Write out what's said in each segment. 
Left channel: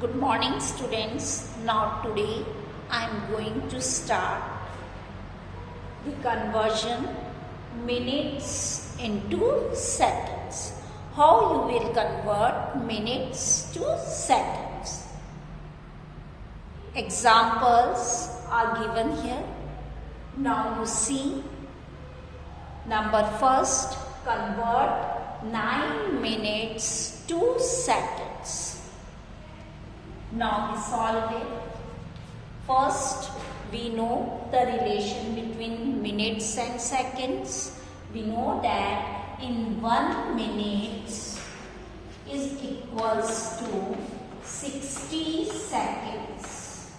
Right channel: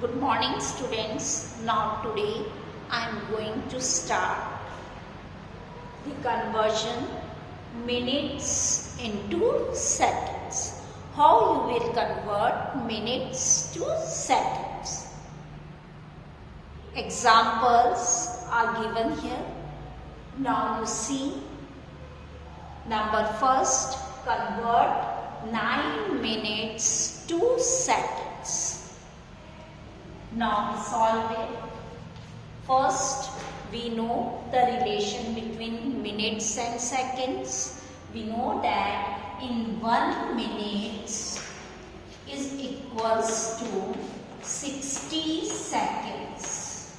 Good morning students. Now today I am going to start the conversion minutes into seconds. How you will convert minutes to seconds. Examples are given here. Now you see number first, convert 9 minutes to seconds. Now we solve it. First, we know the relation between minutes and seconds. We know that in 1 minute is equals to 60 seconds.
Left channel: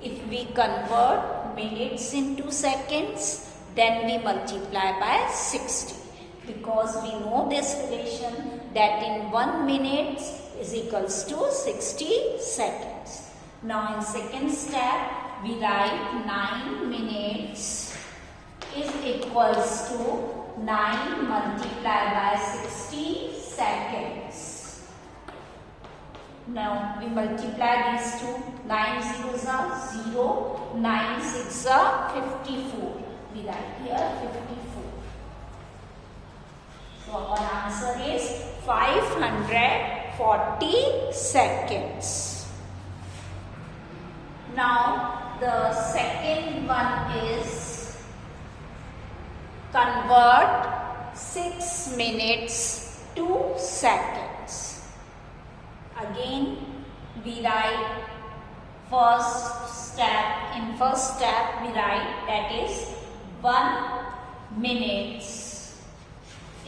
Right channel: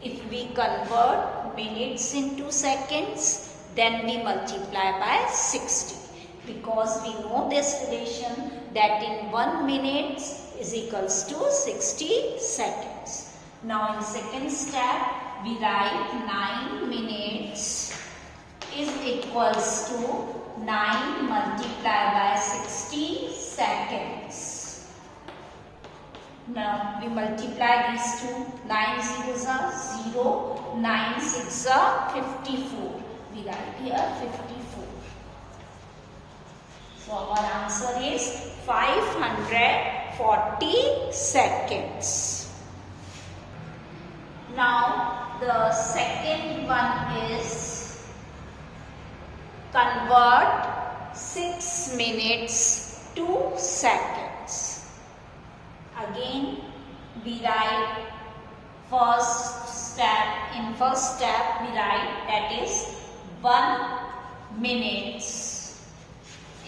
If we convert minutes into seconds, then we multiply by 60. Because we know this relation that in 1 minute is equals to 60 seconds. Now in second step, we write 9 minutes is equals to 9 multiplied by 60 seconds. Now we multiply these two. 9 zeros are 0, 9 six are 54. We write here 54. So our answer is 540 seconds. Now the second one is convert 6 minutes to seconds. Again we write first step. In first step we write that is 1 minute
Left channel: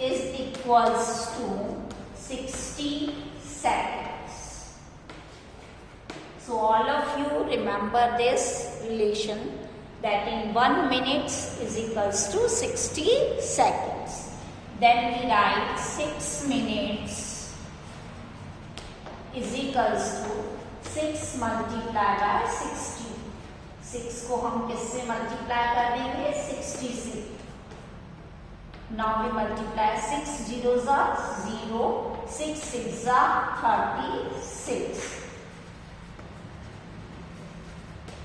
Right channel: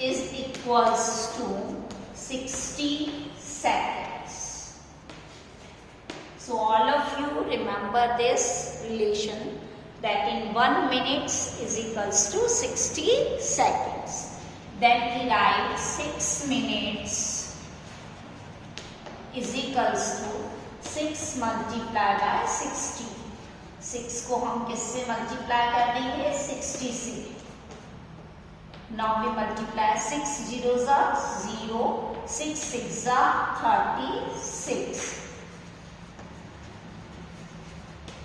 is equals to 60 seconds. So all of you remember this relation that in 1 minute is equals to 60 seconds. Then we write 6 minutes is equals to 6 multiplied by 60. 6 को हम किससे multiply कर देंगे? 60 से. Now we multiply 6 zeros are 0, 6 six are 36.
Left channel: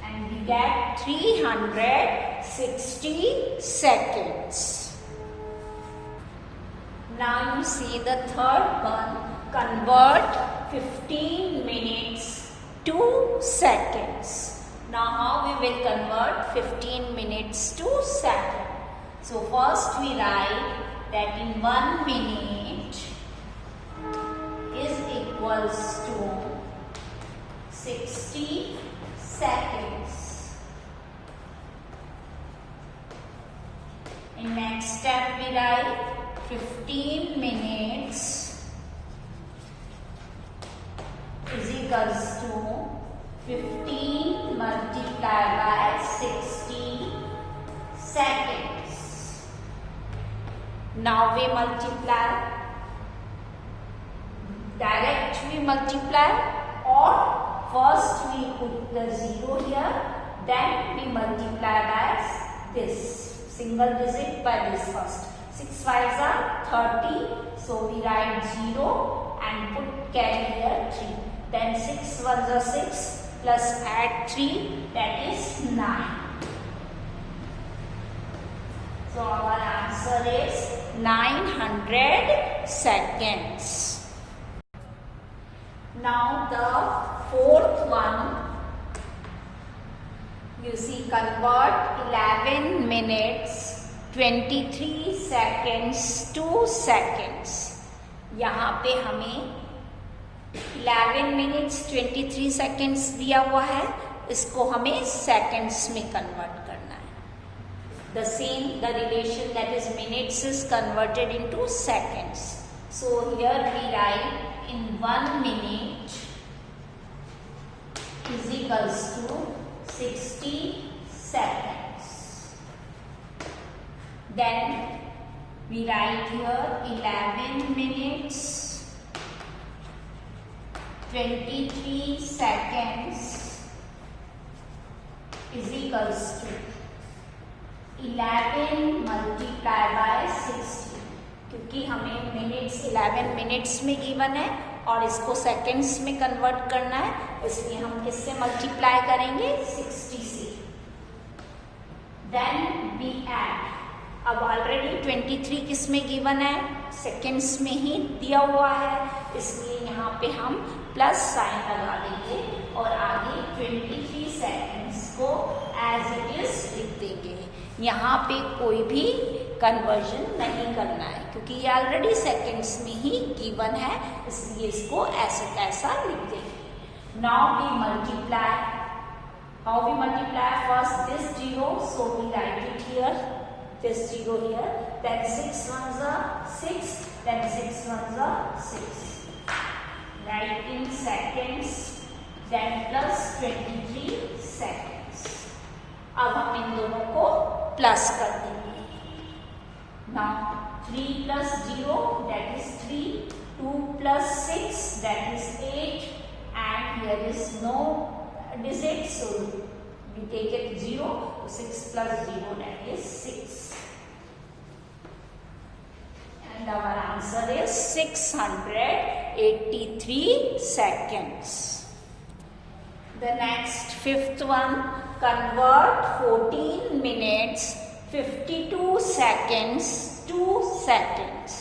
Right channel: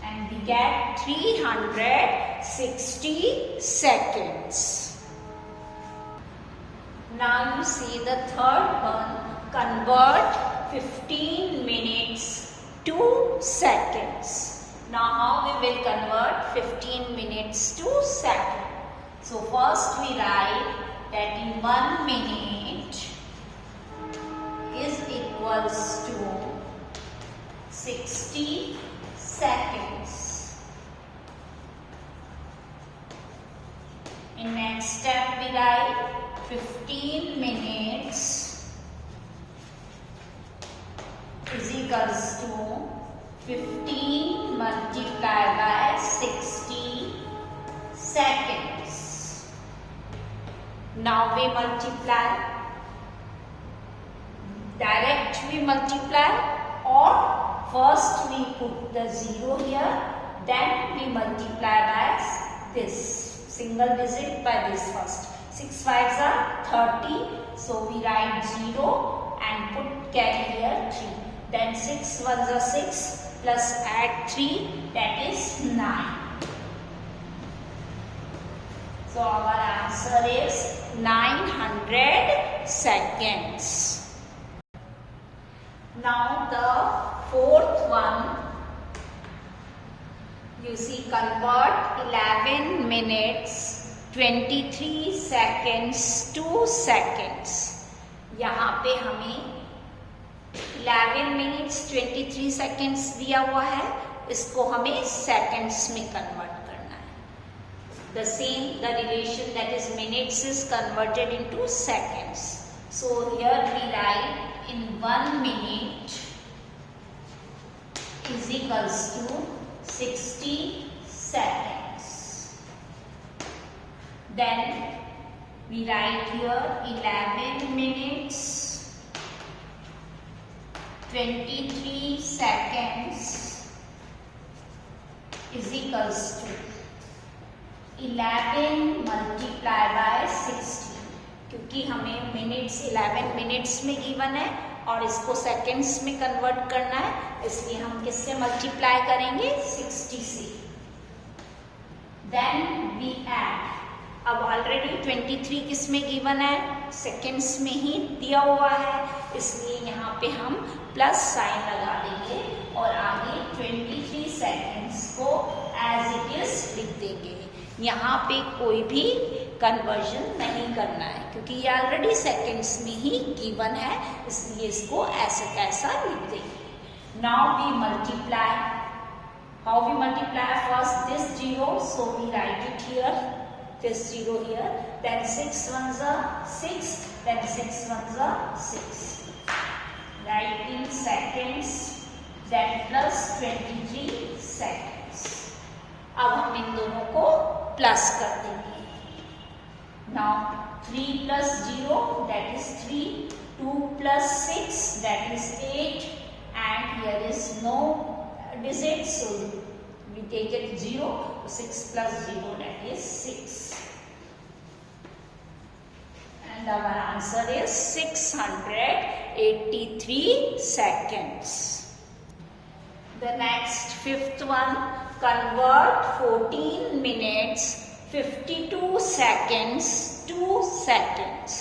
And we get 360 seconds. Now you see the third one, convert 15 minutes to seconds. Now how we will convert 15 minutes to seconds? So first we write that in 1 minute is equals to 60 seconds. In next step we write 15 minutes is equals to 15 multiplied by 60 seconds. Now we multiply. Direct we multiply, or first we put the 0 here, then we multiply by this single digit by this first. 6 fives are 30, so we write 0 and put carry here 3. Then 6 ones are 6 plus add 3, that is 9. So our answer is 900 seconds. Now the fourth one, you see convert 11 minutes 23 seconds to seconds. यहाँ पे हमें 11 minutes 23 seconds दिया हुआ है, इसको हमें seconds में convert करना है. The same, the relation that is minutes is converted into seconds. So here we write in 1 minute is equals to 60 seconds. Then we write here 11 minutes 23 seconds is equals to 11 multiplied by 60. क्योंकि हमें minutes 11 minutes में given है और इसको seconds में convert करना है, इसलिए हम किससे मल्टीप्लाई करेंगे? 60 से। देन वी ऐड, अब ऑलरेडी 23 किस में गिवन है? सेकेंड्स में ही दिया हुआ है, इसलिए यहाँ पे हम प्लस साइन लगा देंगे और आगे 23 सेकेंड्स को एज इट इज लिख देंगे। यहाँ पे कोई भी कन्वर्जन नहीं करना है क्योंकि ये ऑलरेडी सेकेंड्स में ही गिवन है, इसलिए इसको ऐसा कैसा लिख देंगे। Now we multiply, how we multiply? First this 0, so we write it here, this 0 here, then 6 ones are 6, then 6 ones are 6, write in seconds, then plus 23 seconds। अब हम इन दोनों को प्लस कर देंगे। Now 3 plus 0 that is 3, 2 plus 6 that is 8, and here is no digit, so we take it 0, 6 plus 0 that is 6, and our answer is 683 seconds। The next fifth one, convert 14 minutes 52 seconds to seconds।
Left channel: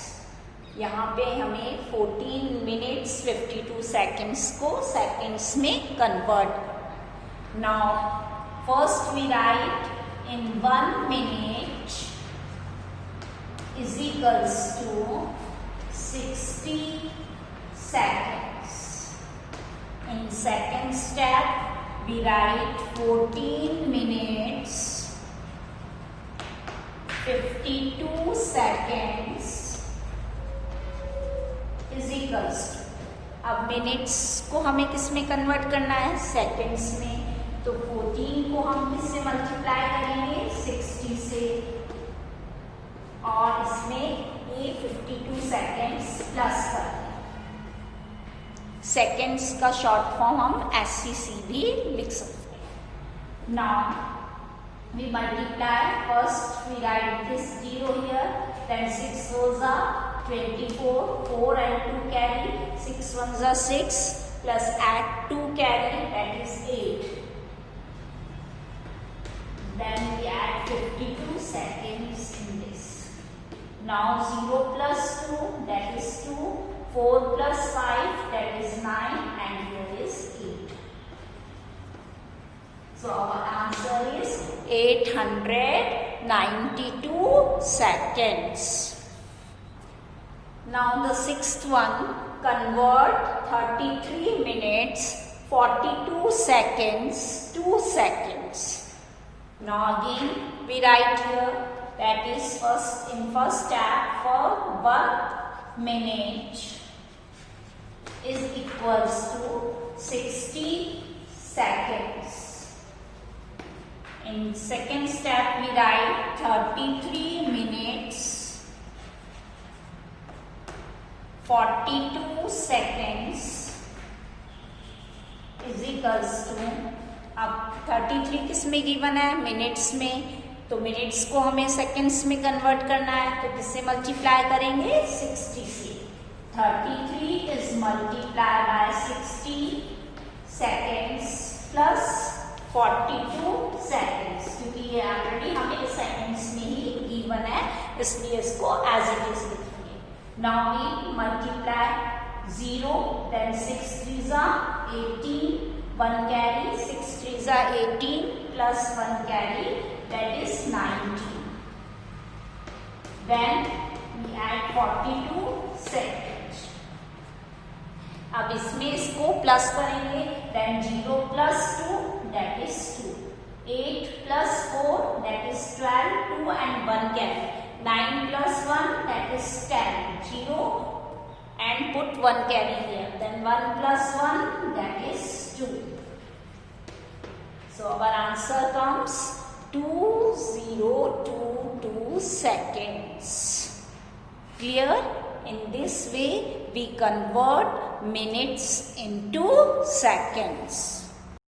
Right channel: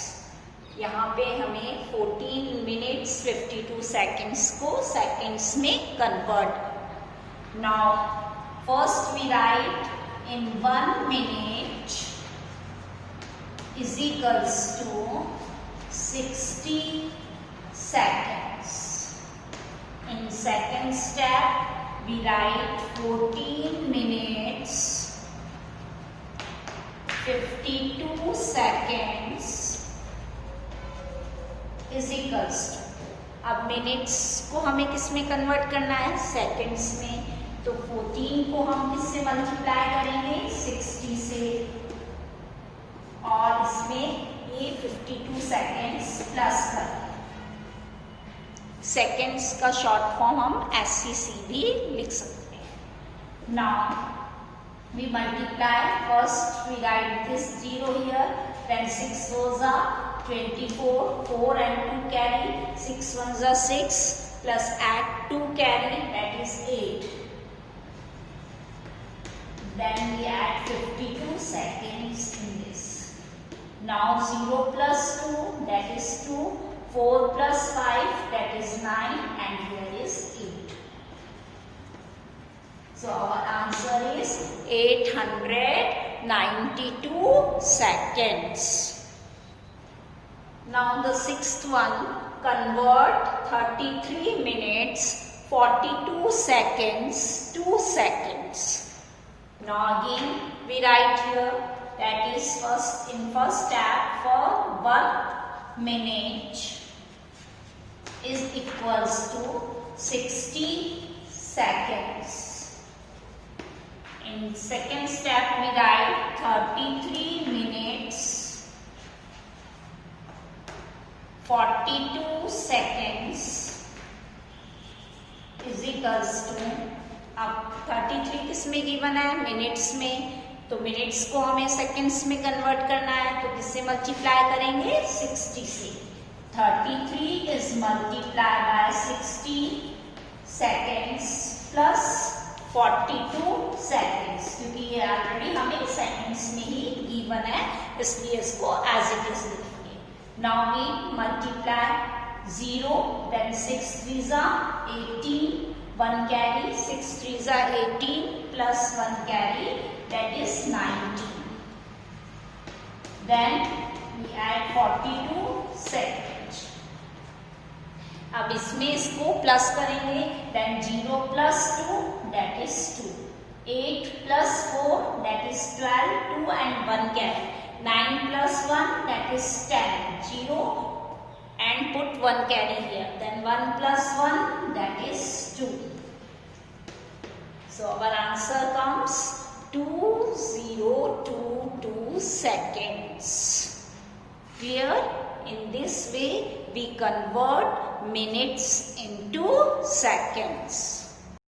यहाँ पे हमें 14 minutes 52 seconds को seconds में convert। Now first we write in 1 minute is equals to 60 seconds। In second step we write 14 minutes 52 seconds is equals to, अब minutes को हमें किस में कन्वर्ट करना है? सेकेंड्स में। तो 14 को हम किससे मल्टीप्लाई करेंगे? 60 से, और इसमें ये 52 सेकेंड्स प्लस करते हैं। सेकेंड्स का शॉर्ट फॉर्म हम SCC भी लिख सकते हैं। Now we multiply, first we write this 0 here, then 6 fours are 24, 4 and 2 carry, 6 ones are 6, plus add 2 carry, that is 8. Then we add 52 seconds in this. Now 0 plus 2 that is 2, 4 plus 5 that is 9, and here is 8. So our answer is 892 seconds। Now the sixth one, convert 33 minutes 42 seconds to seconds। Now again we write here, that is first in first step, for 1 minute is equals to 60 seconds। In second step we write 33 minutes 42 seconds is equals to, अब 33 किस में given है? Minutes में। तो minutes को हमें seconds में convert करना है, तो किससे मल्टीप्लाई करेंगे? 60 से। 33 is multiplied by 60 seconds plus 42 seconds, क्योंकि ये ऑलरेडी हमें सेकंड्स में ही गिवन है, इसलिए इसको एज इट इज लिखेंगे। Now we multiply 0, then 6 3s are 18, 1 carry, 6 3s are 18 plus 1 carry, that is 19. Then we add 42 seconds। अब इसमें इसको प्लस करेंगे, then 0 plus 2 that is 2, 8 plus 4 that is 12, 2 and 1 carry, 9 plus 1 that is 10, 0 and put 1 carry here, then 1 plus 1 that is 2. So our answer comes 2022 seconds। Clear? In this way we convert minutes into seconds।